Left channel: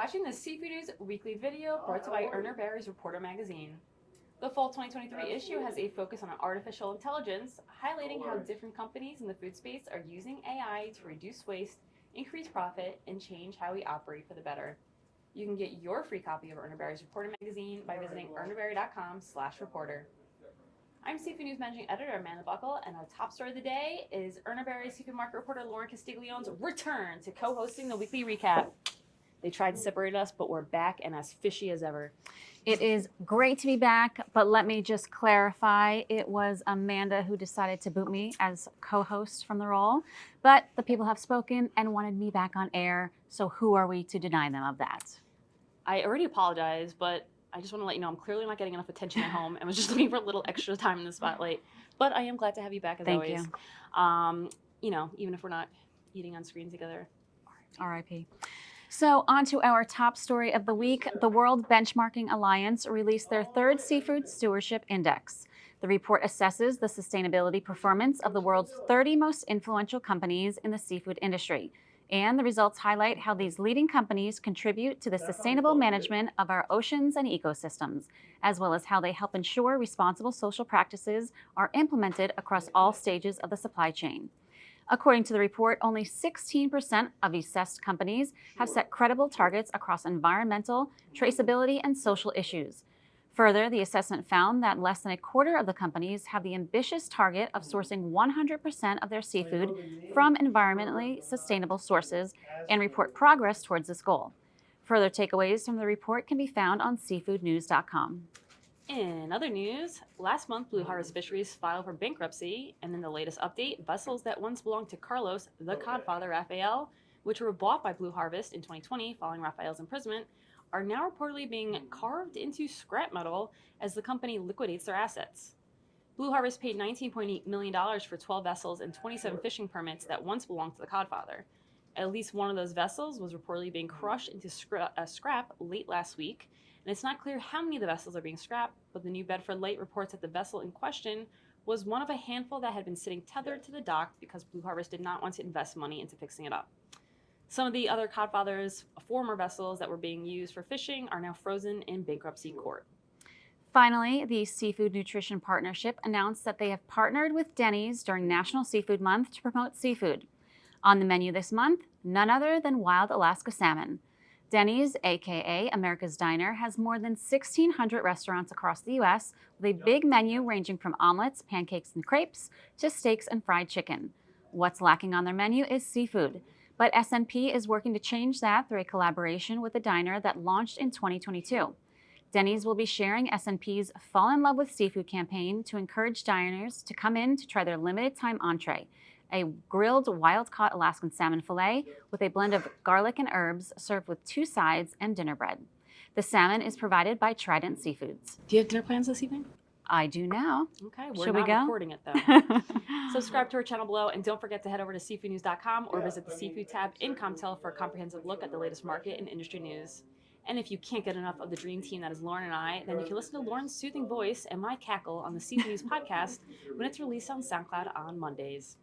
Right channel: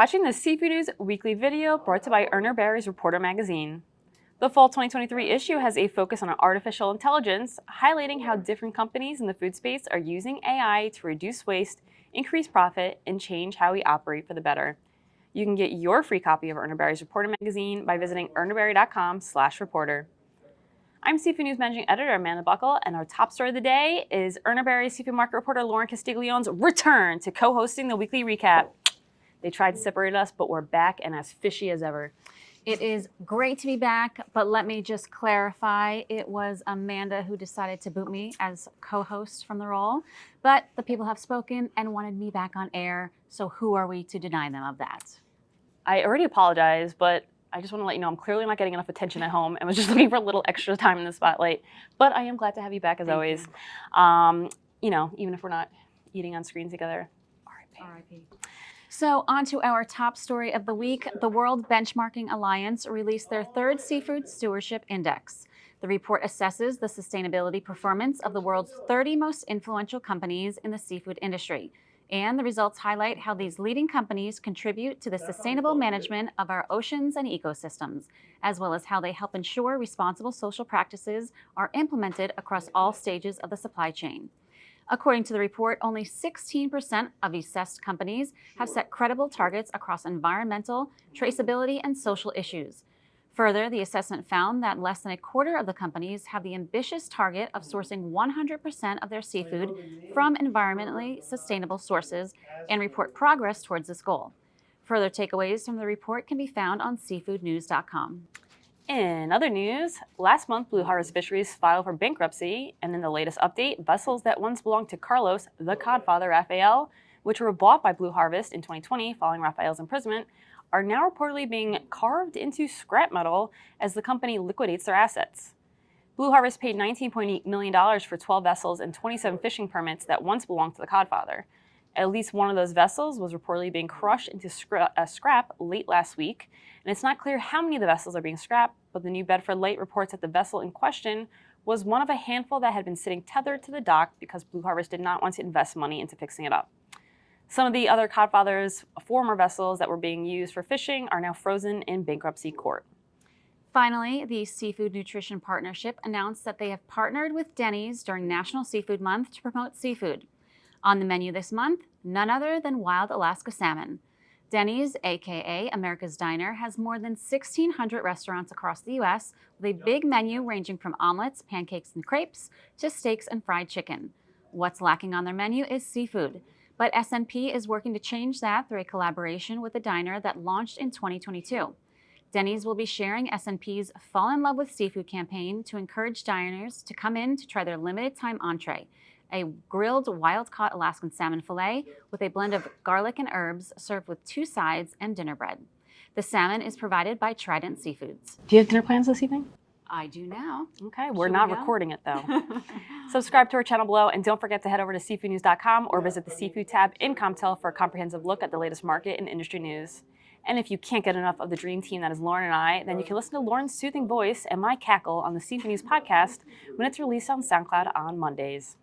watching the Seafood News weekly video brought to you by Urner Barry's Reporter magazine. The fall 2023 issue has a focus on artificial intelligence, highlighting how different companies in the food space are using AI to reduce waste, increase profit, and change how we operate for the better. You can get your free copy of Urner Barry's Reporter magazine by visiting urnerbarry.com/reporter. I'm Seafood News Managing Editor Amanda Buckle, and our top story of the day is Urner Barry's Seafood Market Reporter Lauren Castiglione's return to co-hosting the weekly recap. They tried to separate us, but we're back and as fishy as ever. It is great to be back, but let me just clarify, it was Amanda who decided to boot me as co-host from the role, but the people have spoken and wanted me back on air, so who are we to deny them of that? I already apologize, but I just want to let you know I'm clearly not getting enough attention at home and was just looking for a little extra time in the spotlight. But I am glad to have you back as always. Even if we're not eating on screen together. R.I.P. So on to our top story of the week. The World Benchmarking Alliance released their third Seafood Stewardship Index. The report assesses the sustainability performance of the world's 30 most influential companies in the seafood industry. And the results highlight how these leading companies contribute to the sustainable management of our oceans and ecosystems, as well as how they help ensure responsible social practices are implemented across all stages of the supply chain. According to the report, only 16% of assessed companies have set credible targets across environmental, traceability, and social issues. Further, the assessment found that less than a quarter of the companies have the ambitious target of sourcing 100% of their seafood from environmentally sustainable sources and report progress towards this goal. Further takeaways from the report can be found on seafoodnews.com. In other news, last month Blue Harvest Fisheries filed for bankruptcy, and in the latest update, vessels that once belonged to Carlos, the Codfather Raphael, which were bought by Blue Harvest in 2020 following Raphael's imprisonment, are now reportedly being carved into scrap metal as the company liquidates their assets. Blue Harvest paid $19.8 million for 12 vessels and 27 fishing permits that once belonged to the Codfather. At least one of those vessels was reportedly being crushed into scrap late last week, and it's not clear how many of the vessels are being scrapped, but the New Bedford Light reports that the vessel in question was one of a handful that had been sitting tethered to the dock because Blue Harvest did not want to invest money into fixing it up. Some of the other Codfather's former vessels that were being used for fishing are now frozen in bankruptcy court. Finally, the Seafood Nutrition Partnership announced that they have partnered with Denny's during National Seafood Month to promote seafood. On the menu this month, none other than wild Alaska salmon. Denny's, aka America's Diner, has more than 1,600 restaurants across the U.S. with a big menu ranging from omelets, pancakes, and crepes to steaks and fried chicken. What's lacking on their menu is seafood. But S&P is working to change that through a collaboration with the diner that launched in 2022. Denny's will be sharing S&P's Fall in Love with Seafood campaign to encourage diners to come in to try their limited time entree, a grilled wild-caught Alaskan salmon fillet with a blend of garlic and herbs served with 2 sides and dinner bread. The salmon is provided by Trident Seafoods. Do you have dinner plans this evening? I do now. Okay, we're not recording it though. Subscribe to our channel below, and don't forget to head over to seafoodnews.com or visit the Seafood tab in Comtel for a comprehensive look at the latest market and industry news. And if you can't get enough of the dream team that is Lauren and I, then you can listen to Lauren's soothing voice and my cackle on the Seafood News podcast when it's released on SoundCloud on Mondays.